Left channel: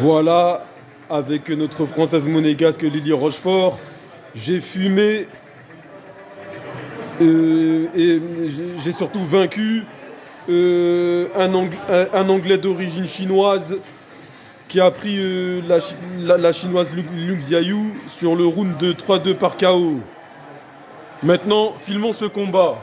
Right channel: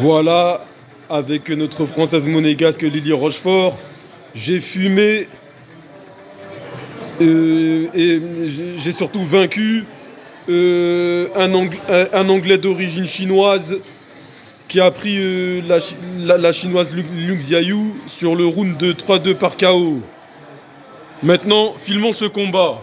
Voilà, avec notre française monégasque Lily Rochefort, j'ai fumé et j'ai surtout vaincu un Anglais d'origine chinoise qui a pris la chinoise Liu Xiaoyu sur le round de 3-2 par KO. Maintenant, filmons ce combat.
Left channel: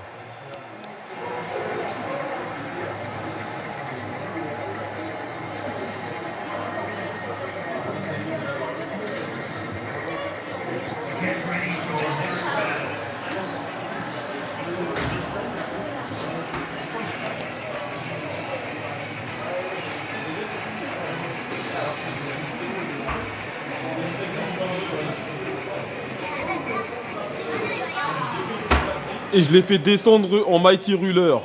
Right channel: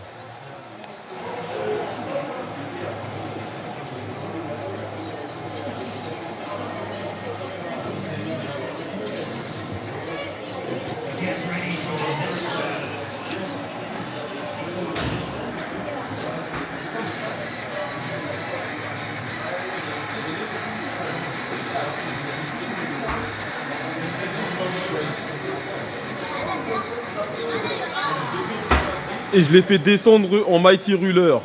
Et je l'ai fait descendre en Mighty Ruler.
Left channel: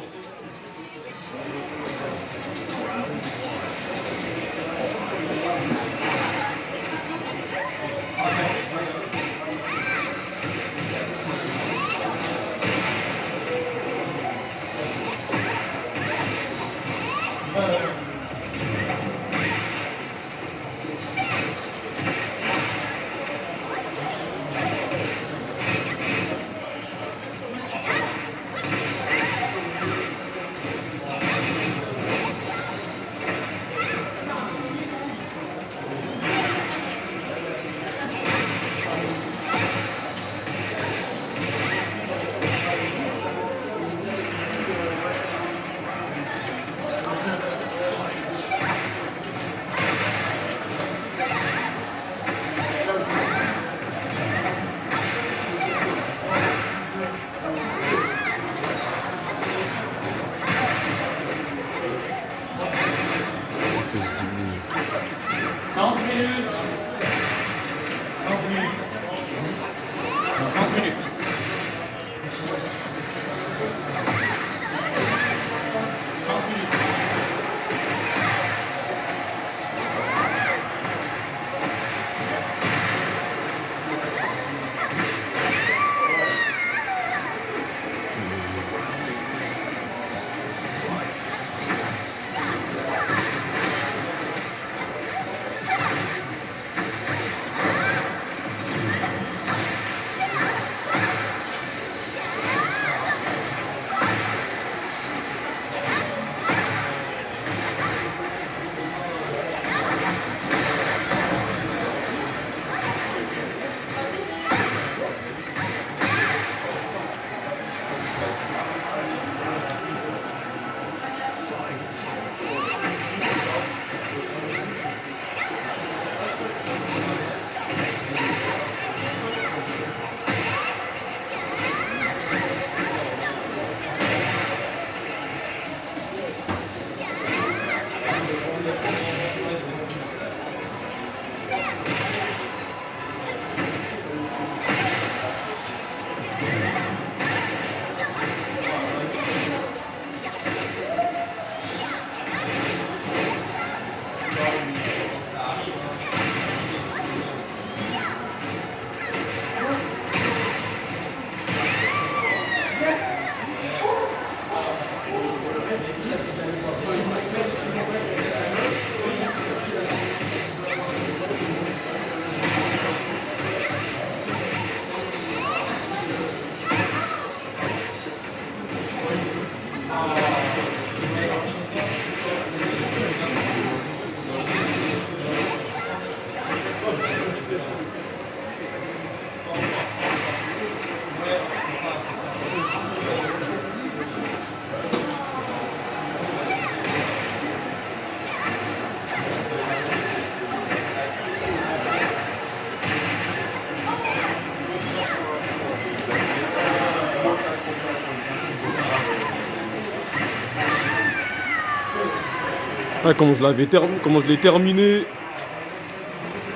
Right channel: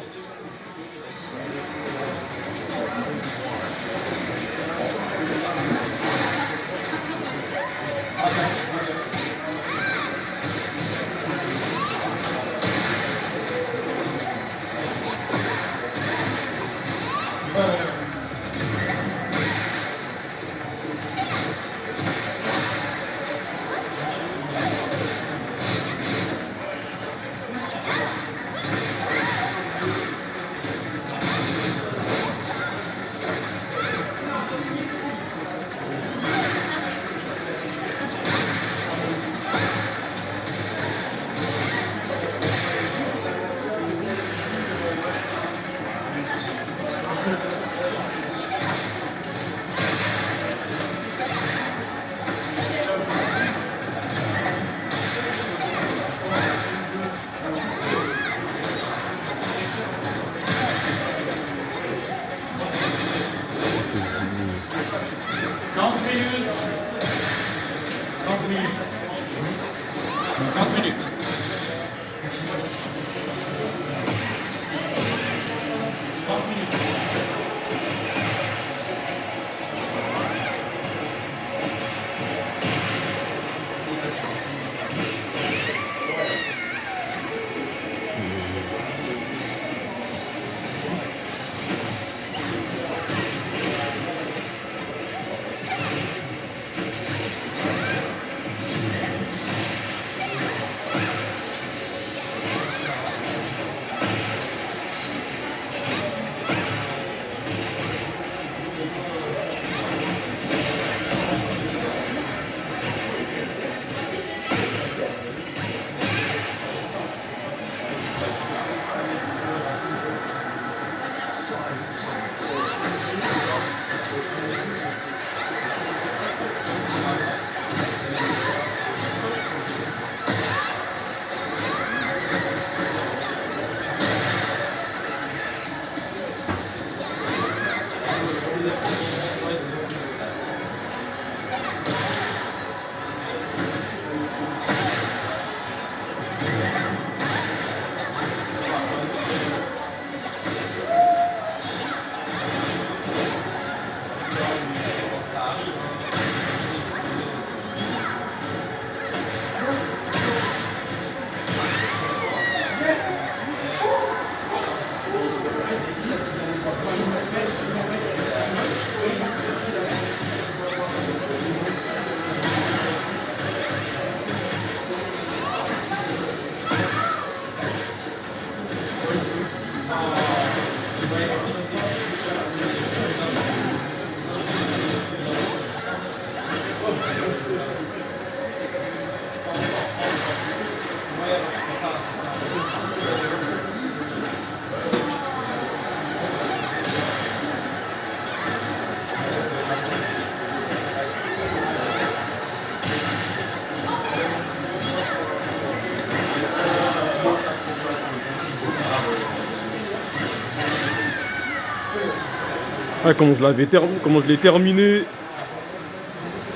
Ah, comment je l'ai terminé.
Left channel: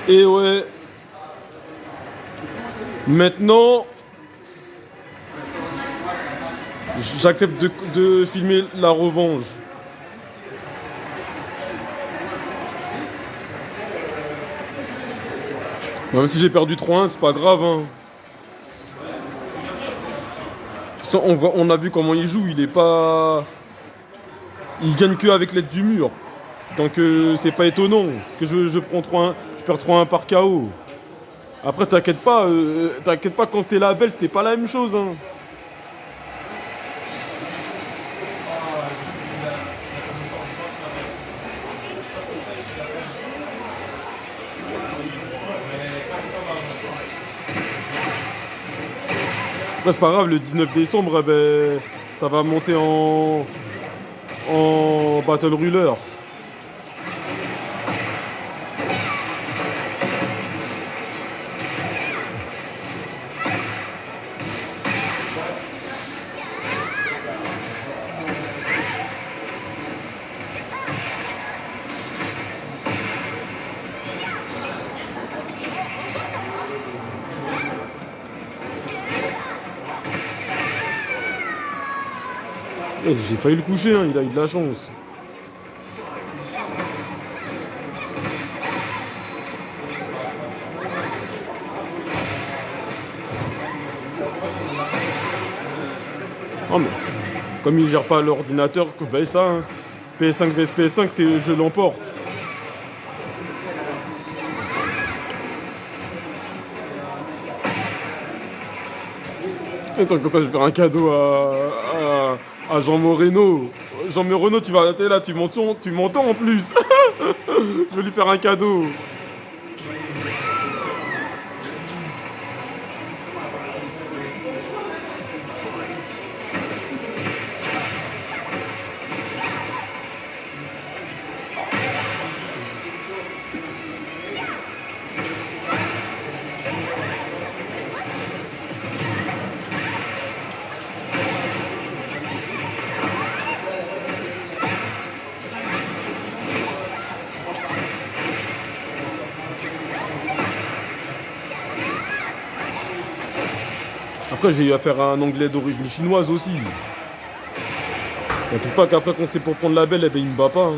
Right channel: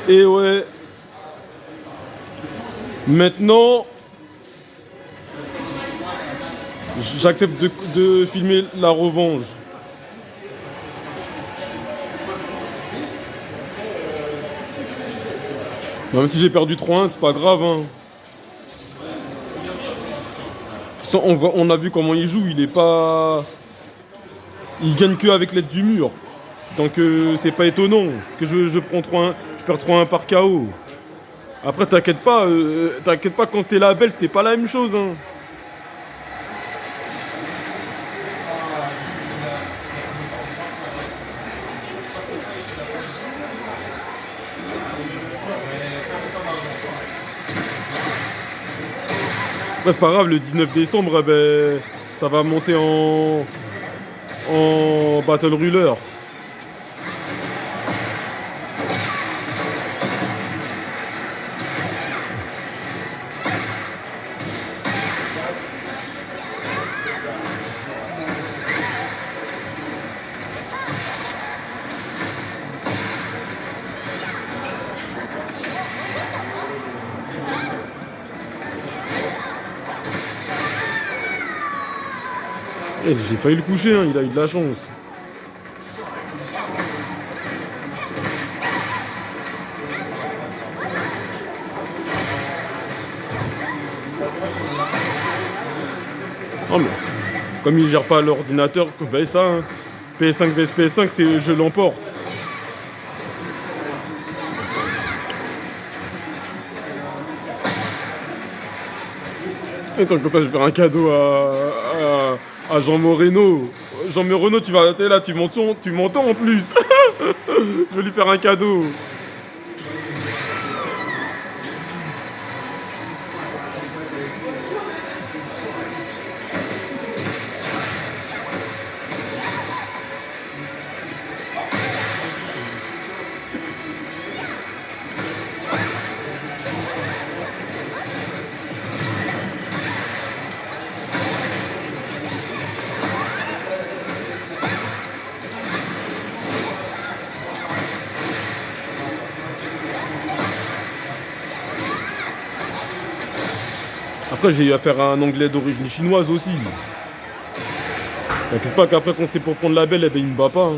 Et ouais. Maintenant, j'accepte de filmer la revanche. Même si j'ai perdu 3-1, c'est pas grave, hein. On a vu comment il joue, il est pas. Il gagne que avec l'aide du mur. Donc c'est pas étonnant que je prends 3-1, je perds 3-1 par KO. Après t'inquiète pas quand c'était la belle, c'était pas la même chose hein. Après c'est pas grave, le 19 décembre, ben, ça va monter en Battle Ruler. Eh, j'ai failli le coucher, hein, il a eu de la chance. Oh mais, comme il gère pas l'ordinateur, ben ça, hein. PS5 vs PS5, c'est je l'emporte. Et tant que ça, je vais faire un cadeau à Jean Moreno. Jean Moreno, tu vas t'es là, tu m'entends en plus. Je vais lui faire un cadeau. Après, j'ai eu affaire à un anglais d'origine chinoise aussi. T'inquiète pas qu'après, quand c'est pour prendre la belle, eh ben, il me bat pas, hein.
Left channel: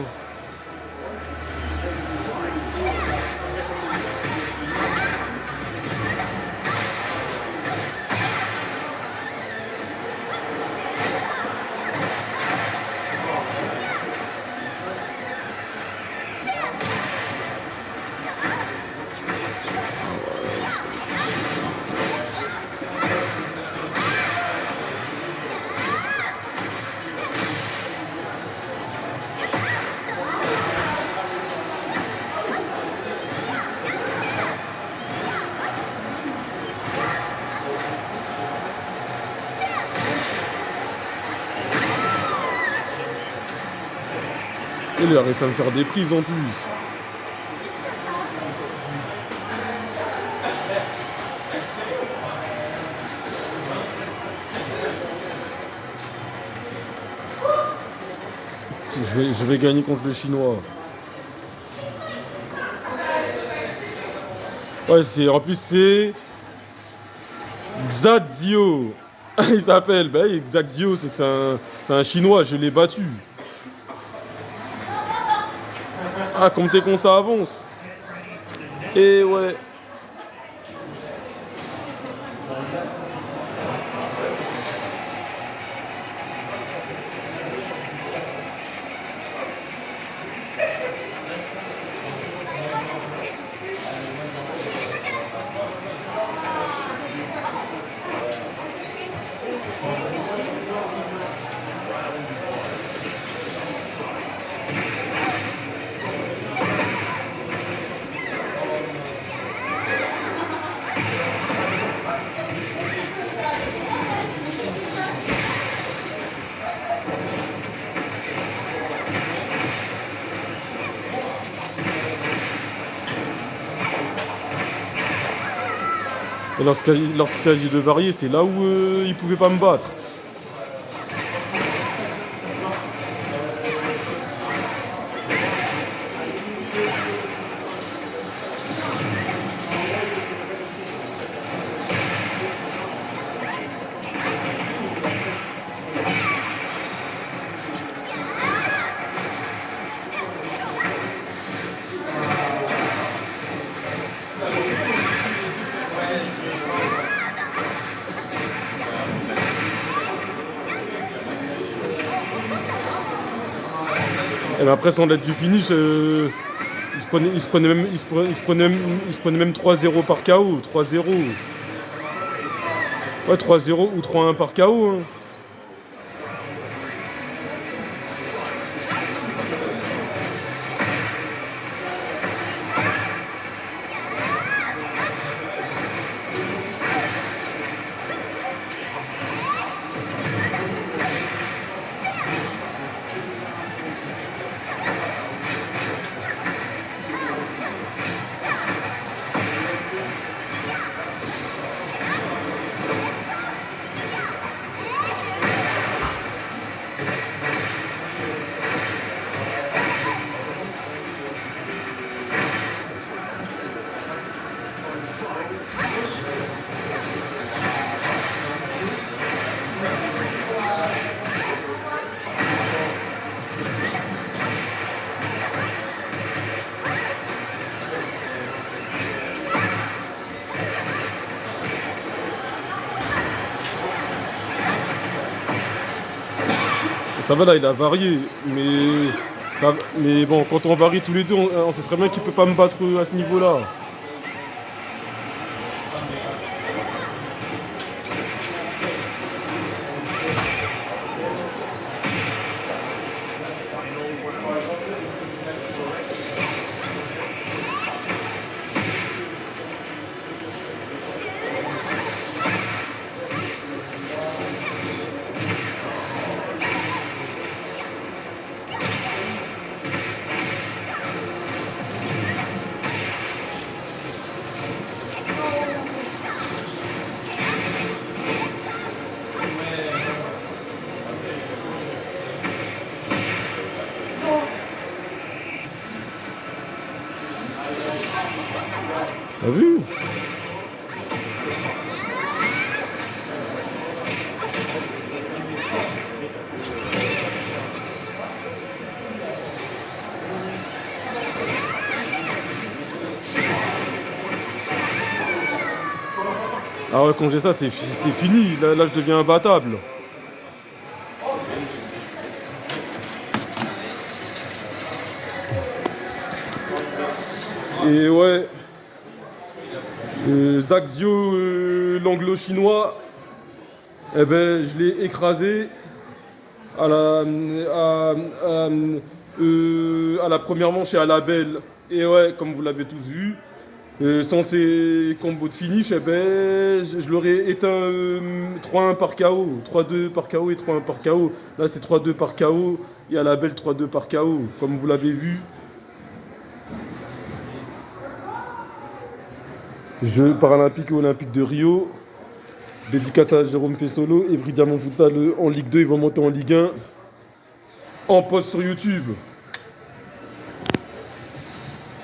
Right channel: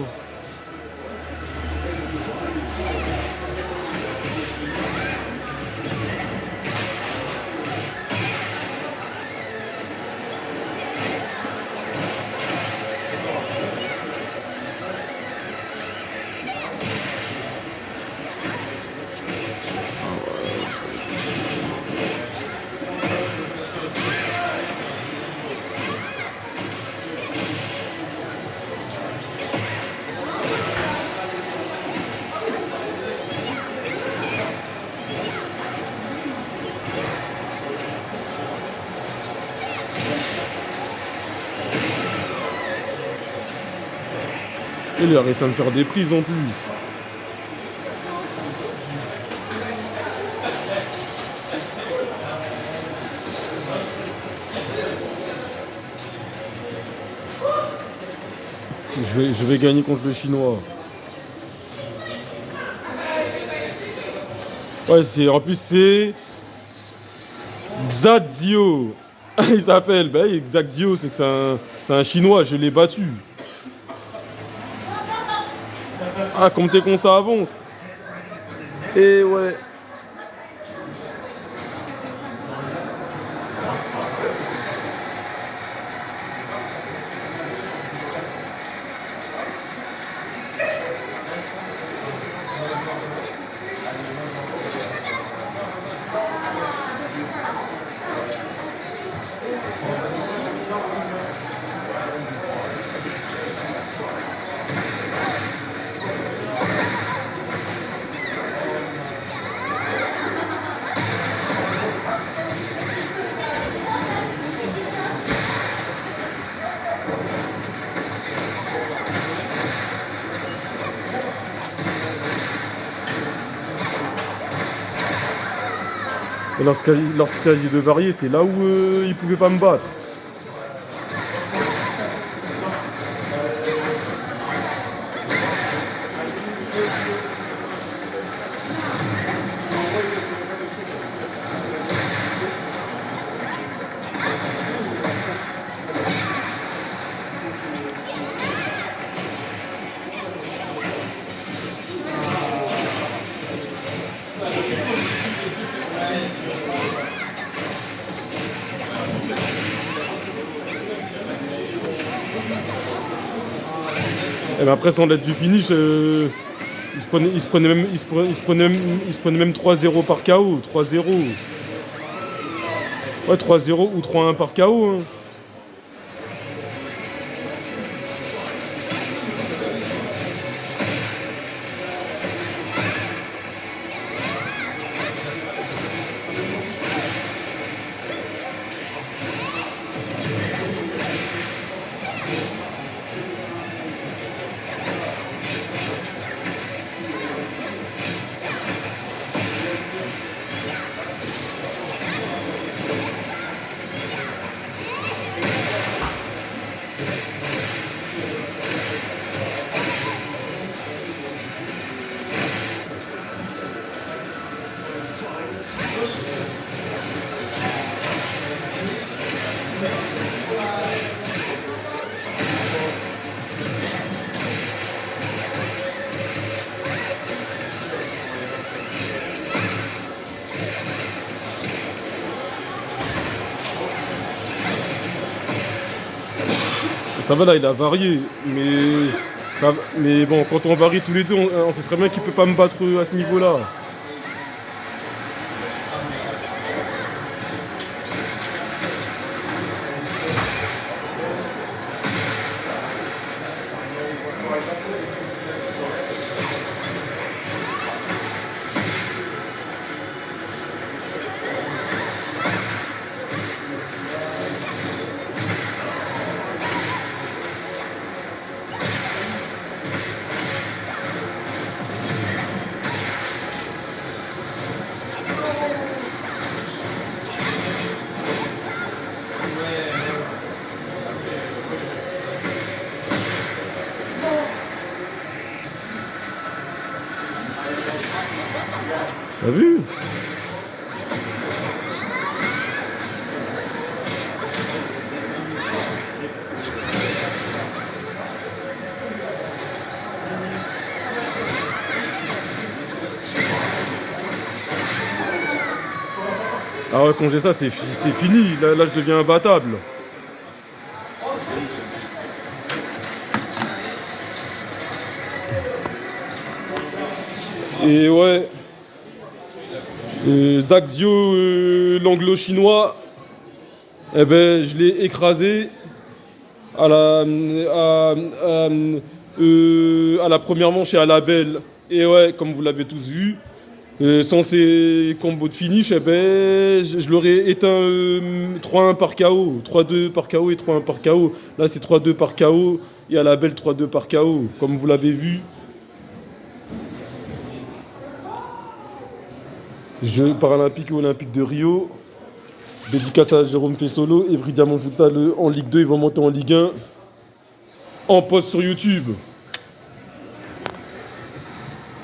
Et il a réussi à me faire des prises en plus. Je vais gagner contre le chinois. Ouais, en plus c'est Xadzio. Il s'appelle, bah oui, Xadzio, c'est que c'est un chinois, je l'ai battu. Ah, comme t'es con, ça avance. Et ouais. Et lorsqu'il s'agit de varier, c'est là où il pouvait pas me battre. Et ben après, sans l'aide du finish, il se prenait même 3-0 par KO. 3-0. Ouais, 3-0 ou 3-1 par KO. Hein. Ça va là, il a varié, mais bon, quand on varie tous les deux, on sait très bien qu'il peut pas me battre à ce niveau-là. T'as vu? Ah ouais, quand j'ai ça, c'est fini. Là, je deviens imbattable. Et ouais, Zhang Zhio, l'anglo-chinois, eh ben, je l'ai écrasé à à la première manche et à la belle. Et ouais, comme vous l'avez tous vu, sans ces combos de finish, eh ben, je l'aurais éteint 3-1 par KO, 3-2 par KO et 3-1 par KO. Là, c'est 3-2 par KO et à la belle 3-2 par KO, comme vous l'avez vu. Jeux paralympiques et olympiques de Rio. Dédicace à Jérôme Fessolo et Bridiamont Futsal en Ligue 2. Ils vont monter en Ligue 1 en poste sur YouTube.